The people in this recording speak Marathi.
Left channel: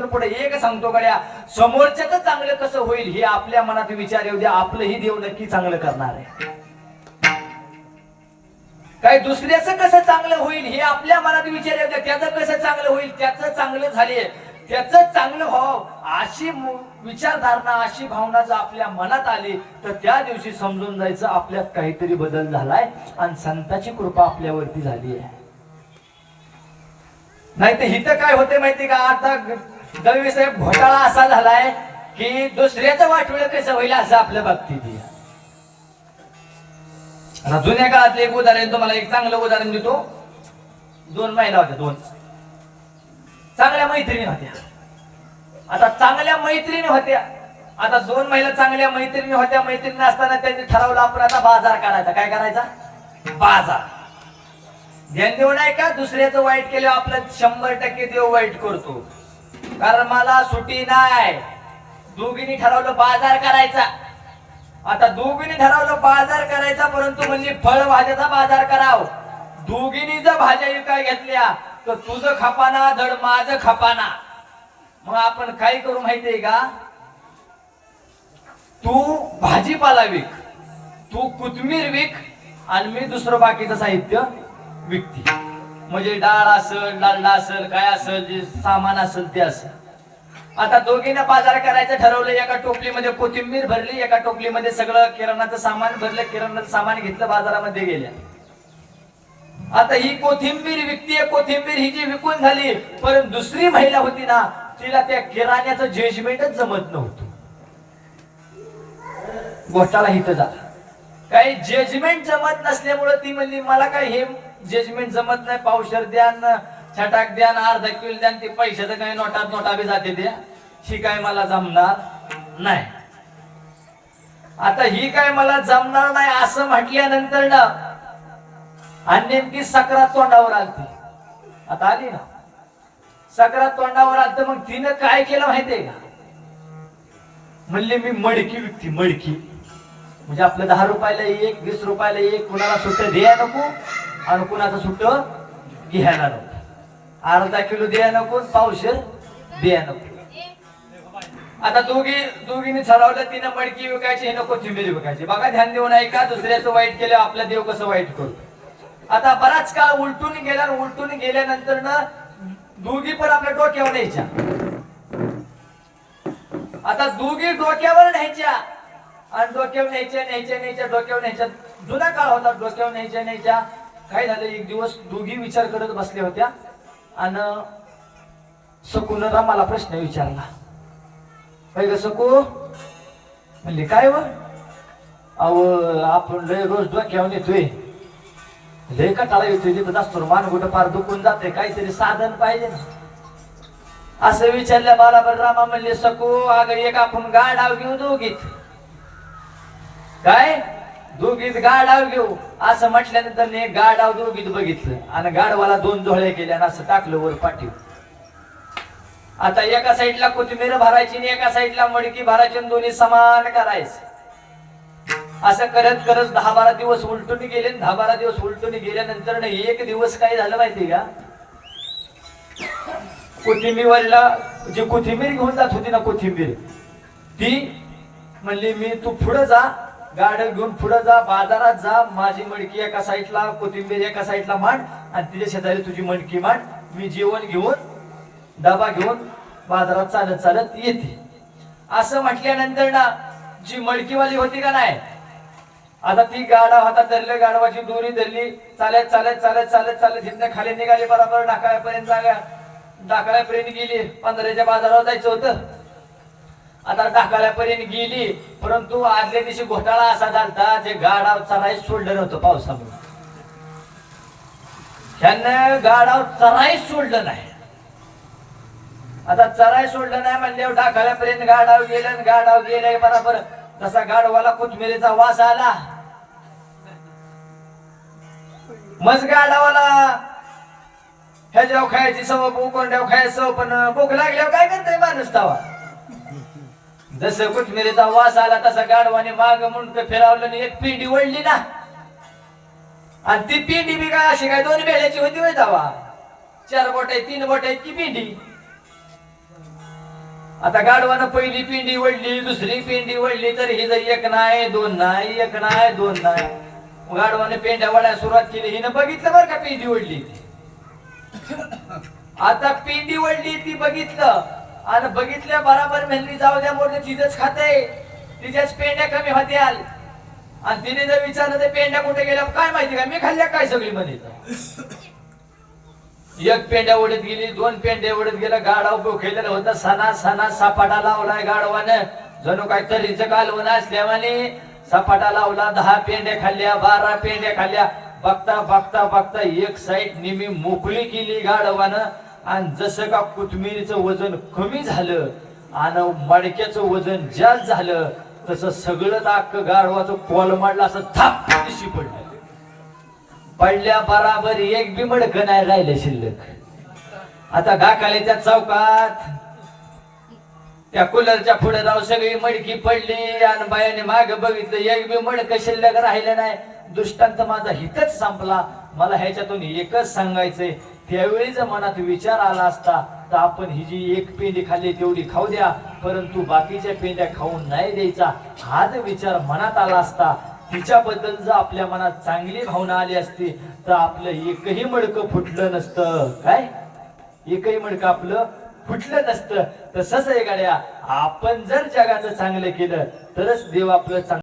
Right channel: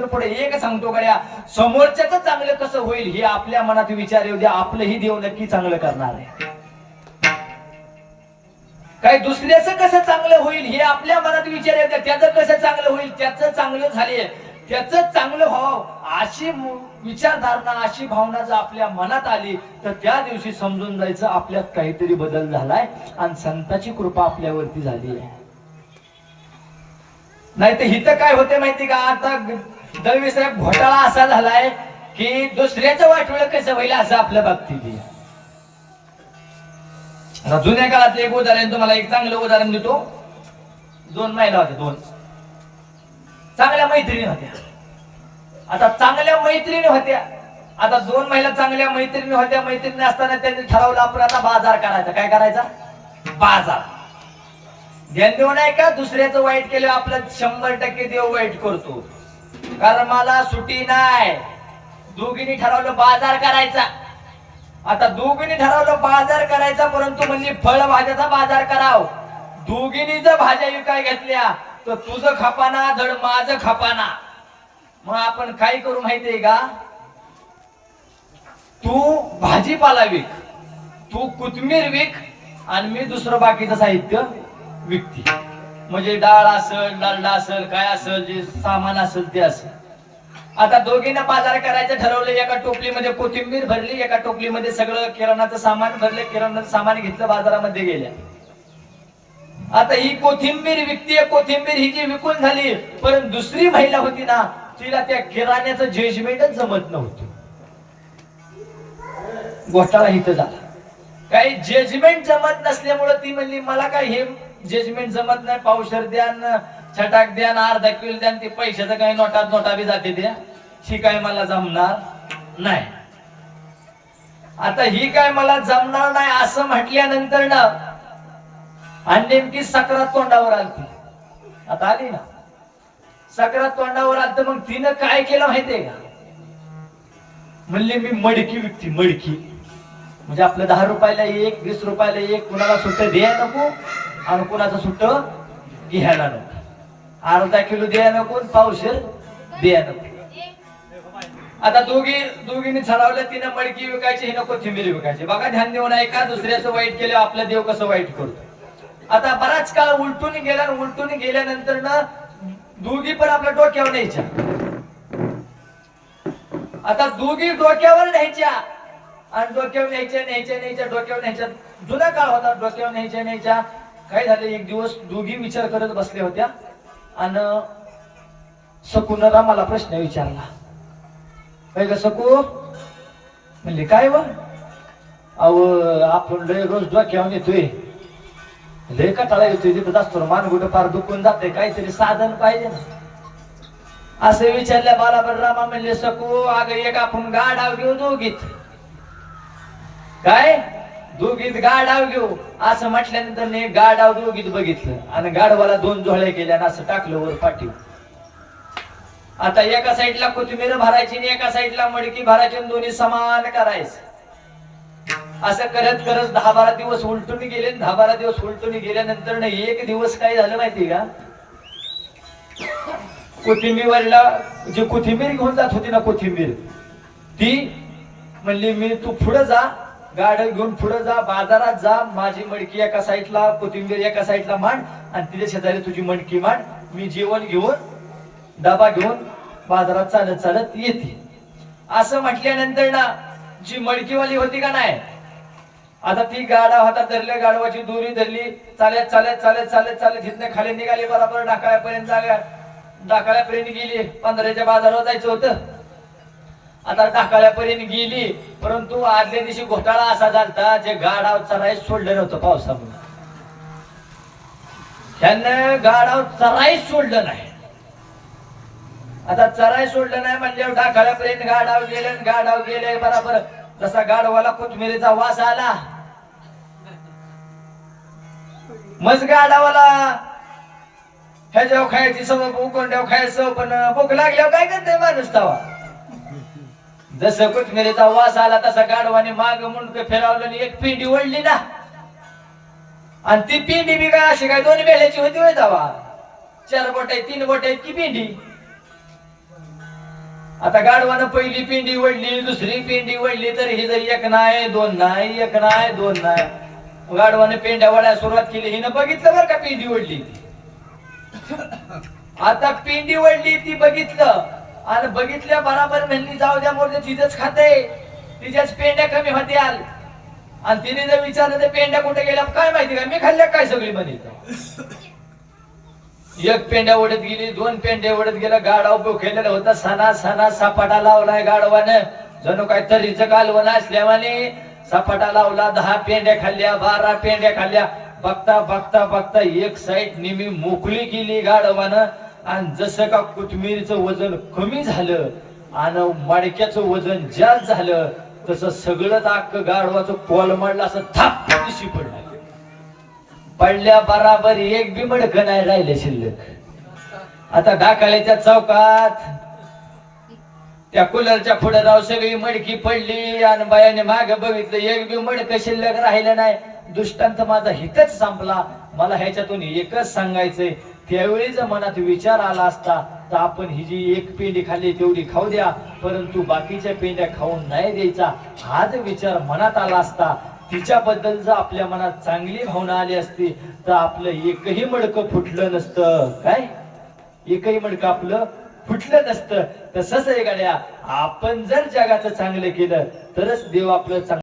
इथून पुढे एक सांगतो गड्या समोरच्याच चांगलं कसं होईल हे आपल्या मनात विचार येऊ द्या आपलंही देव नक्की चांगलं करणार आहे. काय दुसऱ्याचं कसं चांगलं होईल हे आपल्या मनात विचार येऊ द्या त्याचं कसं चांगलं होईल त्याचं चांगलं झाले त्याच चांगलं व्हावं अशी विचारधारणा अशी भावना जर आपल्या मनात आली तर त्या दिवशी समजून जायचं आपल्यात काहीतरी बदल झालाय आणि संताची कृपा आपल्यावरती झाली आहे नाही तर हिथं काय होते माहिती का? आता दळवी साहेब घोटाळा असा झालाय की दुसऱ्याचं वाटोळ कसं होईल असं आपल्या बाबतीत आता जुन्या काळातलं एक उदाहरण तुम्हाला एक चांगलं उदाहरण देतो. दोन महिला होत्या दोन. चांगल्या मैत्रिणी होत्या. आता चांगल्या मैत्रिणी होत्या. आता दोन महिला चांगल्या मैत्रिणी होत्या मैत्रिणी असताना त्यांनी ठरवलं आपण आता बाजार करायचा. काय करायचा? बाजार. ध्यान देऊ नाही का दुसऱ्याचं वाईट केलं आपलं शंभर टक्के देव वाईट करतो. कारण मला सुटी नाही. दोघींनी ठरवलं बाजार करायचा. आता दोघींनी ठरवलं बाजार करायचा परंतु म्हणजे फळभाज्याचा बाजार कराव. दोघींनी जर भाज्या विकाय घेतल्या तर तुझं खपाना धड माझं खपाना. मग आपण काय करू माहितीये का? तू भाजीपाला विक तू कोथमीर विक आणि मी दुसरं बाकीचं साहित्य विकते. म्हणजे डाळ असेल डालडा असेल काय असेल जे सामान असेल ते असेल. आता दोघींना बाजार करायचं ठरवलं एका टोपलीमध्ये कोथिंबीर भरली एका टोपलीमध्ये सगळं किराणाचं सामान भरलं किराणाचं सामान घेतलं बाजारामध्ये गेल्या. आता ही कोथिंबीर विकतीय कोथिंबीर ही जी विकून झाली पण दुसरी महिला होती ना तिला त्या किराण्याचं जजमेंटच जमत नव्हतं. घोटाळा इथं झाला. काही जजमेंट जमत नसल्यामुळे ती म्हणली मला काय हे जजमेंट जमत नाही पावशर द्या छटाक द्या अर्धा किलो द्या ते पैशाचं काही नोटात नोटा बी जाते द्या ही काय मला जमणार नाही. आता ही काय मला जमणार नाही असं म्हटल्यानंतर ना आणि नेमकी सकरात तोंडावर आलती. आता आली ना. सकरात तोंडावर आलत मग तिनं काय केलं माहितीये का? म्हणले मी मडकी विकती मडकी. म्हणजे आपलं दहा रुपयाला एक वीस रुपयाला एक कुणाला सुट्ट द्या नको. आणि कुणाचं सुट्ट? घ्यायला नको. अर्धा किलो द्या नको पाऊस द्या नको. आता दोघी दोघींनी ठरवलं तिनं मडकी विकायची हे नको कोथिंबीर विकायची. बघा ध्यान देऊन ऐका दुसऱ्याचं वाईट केलं आपला देव कसं वाईट करतो आता बराच काळ उलटून गेला उलटून गेल्यानंतर ना दोघी पण आपल्या डोक्यावर न्यायच्या. आता दोघी डोक्यावर न्यायच्या. आणि डोक्यावर न्यायच्या न्यायच्या न्यायच्या डोक्यावर न्यायच्या. जुना काळ होता डोक्यावर न्यायच्या न्यायच्या. काय झालं? एक दिवस दोघी विचार करत बसल्या होत्या आणि सकून मला प्रश्न विचारला. काय ग सकू म्हणले काय व? अव आपण लय रोज डोक्यावर येतोय. लय कटाळा येतोय तिथं असतो मान फार दुखून जाते काहीतरी साधन पाहिजे ना. असं विचारल्या मला रामा म्हणले सकू अग एक आपण गाडाव घेऊ दोघीत. काय? दोघीत गाडाव घेऊ. असं म्हटल्यानंतर ने एक गाडाव दोघीत बघितलं. आणि गाडवाला दोन जोळ्या केल्या आणि असं टाकलं वर पाठी. आता एका साईडला कोथिंबीर भरायची आणि एका साईडला मडकी भरायची आणि दोन्ही समान करायचं. असं करत करत दहा बारा दिवस उलटून गेले दहा बारा दिवस उलटून गेल्यानंतर ना एक दिवस काय झालं माहिती का? कोथिंबीरला जी कोथिंबीर घेऊन जात होती ना कोथिंबीर ती म्हणली मी तू पुढे जा गाड्या घेऊन पुढे जा बाजारात जा माझी मडकी एका साईडला कोथिंबीर एका साईडला मांड आणि तिच्या शेजारी तुझी मडकी मांड. मी जेवण घेऊन डबा घेऊन बाजारात चालत चालत येते. असं म्हटल्यानंतर ना जी मडकीवाली होती का नाही? आता ती गाडा हातात धरली गाडवाची दोरी धरली चालत चालत चालत चालत चालत तिथनं खाली निघाली बरोबर ढाकाळ्यापर्यंत जागा डाकाळ्यापर्यंत गेली. पंधराच्या बाजारावर जायचं होतं. आता टाकाळ्यापर्यंत गेली परंतु आदल्या दिवशी घोटाळा असा झालता जे गाडाव चराई सोडलं नव्हतं पावसामुळे. ह्यानं गाडाव चराई सोडलं नाही. आता चराई सोडलं नाही म्हणजे टाकाळ्यापर्यंत गाडाव गेलं गाडाव गेले बरोबर. तसा गाडवाला कोथमिरीचा वास आला. मज गाडावाला ह्याच्यावर खायची सव उकोंड्यावर देव खायचं पण भूक लागल्यावर काय करते माणूस तवा? जसं कोथमिरीचा वास आला तसा गाडवाने माग म्हणून फिरावलं एक पिंडी वळली ना. आणि ती पिंडी बी काय अशी काय दोन बेल्याची होती होय दावा चार बोट आहे तीन बोट आहेत की पिंडी? आता गाडवानं पहिली पिंडी वडली दुसरी पिंडी वडली तर ही जर एक नाही दोन नाही एक नाही दोन नाही. गाडवाने पेंड्या वडायला सुरुवात केली हिनं बघितलं बरं का पिंडी वडली आता पिंडी वडली ती बघितलं. आणि बघितल्या बराबर म्हणली जाऊ द्या मोठे तिथंच खाते. तिच्याच पेंड्या कमी होत्याल. आणि तिने जर विचारलं ते पेंड्या कुठे गेल्या? काय माहिती का? मी खाल्ल्या काय सगळी मध्ये एक पेंड्या ओढत गेली दोन पेंड्या ओढत गेला गाडाव केलेला होता. सणा सणा सपाटा लावलाय गाडवानं जणू काय तरीच कालवण असल्यावाने सपाटा लावला दहा पेंड्या खाल्ल्या बारा पेंड्या खाल्ल्या. बघता बघता बघता एक साईड निमी मोकळी केली गाडवानं आणि जसं का कोथमिरीचं वजन कमी झालं आणि मडक्याचं वजन जास्त झालं तसं सगळं अख्खं गाढवाचं कॉल मारलं असं थाप दिशी पडलं. पडल्या बराबर एक बी मडक नाही राहिले शिल्लक. आता ढाकाल्याच्या चौकात. त्या कूलरच्या पुढे राव सगळी मडकी पडली आणि बायाने माग बघितलं एक बी मडक शिल्लक राहिलं नाही. दुष्टांत माझा हितच संपला. मला ह्याच्यातून एकच सांगायचंय त्यावेळी जर मनात विचार आला असता तर आपण ही जी एक पेंडी खाल्ली तेवढी खाऊ द्या. परंतु बाकीच्या पेंड्या खाऊन नाही द्यायचा. हा जर विचार मनात आला असता तिच्याबद्दल जर आपल्या मनात चांगली भावना आली असती तर आपलं एकही मडकं फुटलं नसतं. काय? एकही मडकं आपलं फुटलं नसतं. तसंच आहे गाड्या. आपण जर जगाचं चांगलं केलं तरच देव आपलं चांगलं